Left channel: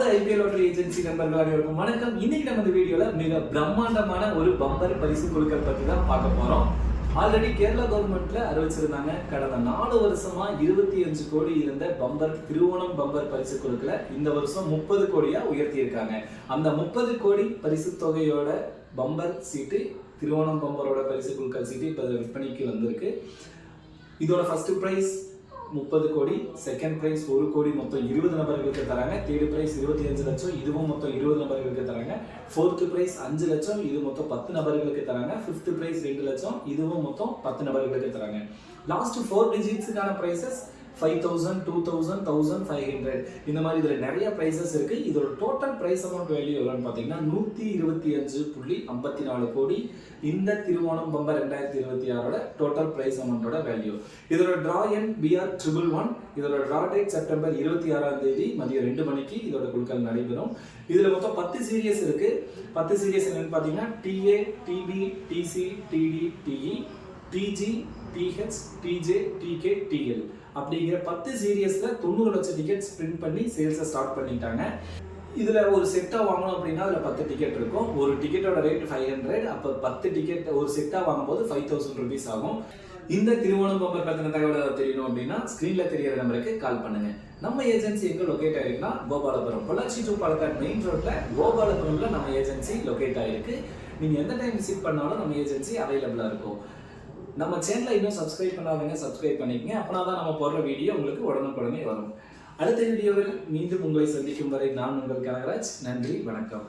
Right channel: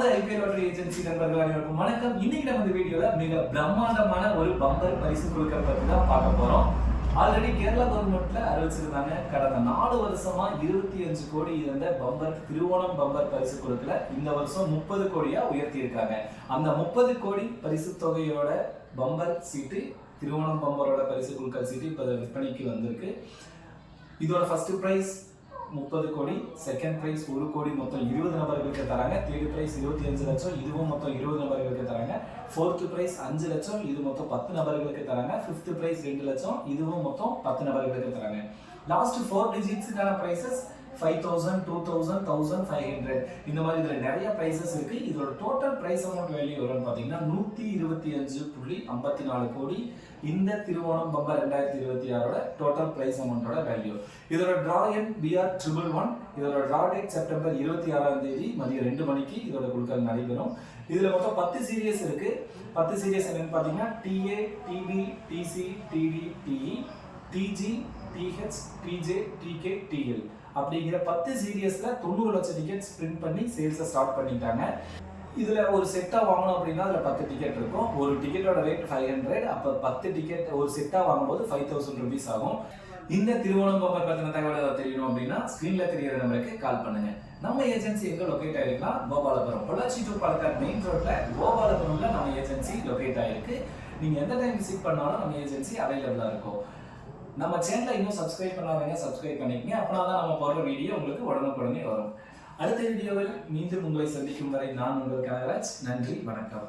நமது IPL lottery agency நண்பர்கள் அனைவருக்கும் வணக்கம். இன்னைக்கு நம்ம இந்த வீடியோல மிக பிரம்மாண்டமான ஒரு பம்பர் பரிசு குழுக்கள் பத்தி தான் பார்க்க போறோம். ஆல்ரெடி கேரளா கவர்மெண்ட்ல அறிவிச்சிருந்தாங்க. கடந்த 4 வருஷமா 25 கோடி இருந்த பம்பர் திருவோணம் பம்பர் பரிசு குழுக்களை இந்த வருஷம் 30 கோடியா உயர்த்தி இருக்காங்க. அந்த 30 கோடி பரிசு தொகையோட பம்பர் சீட்டு திருவோணம் பம்பரோட பரிசு குழுக்கள் சீட்டு இப்ப விற்பனைக்கு வந்திருக்கு. இதோட ஃபர்ஸ்ட் பிரைஸ் 30 கோடி, செகண்ட் பிரைஸ் 1 கோடி, மொத்தம் 20 நபர்களுக்கு தராங்க. தேர்ட் பிரைஸ் 25 லட்சம், இதுவும் மொத்தம் 20 நபர்களுக்கு தராங்க. ஃபோர்த் பிரைஸ் 5 லட்சம், இது மொத்தம் 10 நபர்களுக்கு தராங்க. ஃபிஃப்த் பிரைஸ் 2 லட்சம், இதுவும் மொத்தம் 10 நபர்களுக்கு தராங்க. லாஸ்ட் 4 டிஜிட்ஸுக்கான பிரைசஸ் 5000, 2000, 1500 இந்த மாதிரி இதுல நிறைய பிரைசஸ் இருக்கு. இதோட டோட்டல் பிரைஸ் அமௌண்ட் வேல்யூ எவ்வளவுன்னு பாத்தீங்கன்னா 125.54 கோடி. இந்த திருவோணம் பம்பர் 2026ஓட டோட்டல் பிரைஸ் அமௌண்டோட வேல்யூ. இதோட டிரா எண் BR111. இதோட டிரா டேட் செப்டம்பர் 26ஆம் தேதி மதியம் 2 மணிக்கு இதோட குழுக்கள் நடைபெறும். இதுல மொத்தம் 10 சீரியஸ் இருக்கு. 10 சீரியஸ் என்னன்னு பாத்தீங்கன்னா TA, TB, TC, TD, TE, TG, TH, TJ, TK, TL அப்படிங்கிற 10 சீரியஸ்ல 90 லட்சம் டிக்கெட்ஸ் பிரிண்ட் பண்ணி சேல்ஸை ஸ்டார்ட் பண்ணிட்டாங்க. இதுல ஒரு செட்டா வாங்கணும் அப்படின்னா அதுல 10 டிக்கெட் இருக்கும். ஒரு டிக்கெட்டோட ரேட் 500. அப்ப 10 டிக்கெட் ஒரு செட்டா வாங்கும்போது 5000 rupees ஆகும். இந்த திருவோணம் பம்பர் பத்தின தகவல் தெரியணும் அப்படின்னா ஸ்கிரீன்ல தெரியற நம்பருக்கு கால் பண்ணுங்க. நம்ம ஏஜென்சி எங்க லொகேட் ஆயிருக்குன்னா கோபாலபுரம், பொள்ளாச்சி டு பாலக்காடு மெயின் ரோட்ல கோபாலபுரம்ல நம்ம ஏஜென்சி லொகேட் ஆயிருக்கு. நீங்க எந்த டைம் விசிட் பண்ணாலும் நம்ம ஏஜென்சி அவைலபிளா இருக்கும். நம்ம சேனலை இன்னும் சப்ஸ்கிரைப் பண்ணாதவங்க சப்ஸ்கிரைப் பண்ணிக்கங்க. அப்படின்னா தான் நம்ம போடுற வீடியோ உங்களுக்கு உடனுக்குடனே வரும். அடுத்த வீடியோவில் மீண்டும் உங்களை சந்திக்கும் வரை நான் உங்கள் கனகராஜ். நன்றி, வணக்கம்.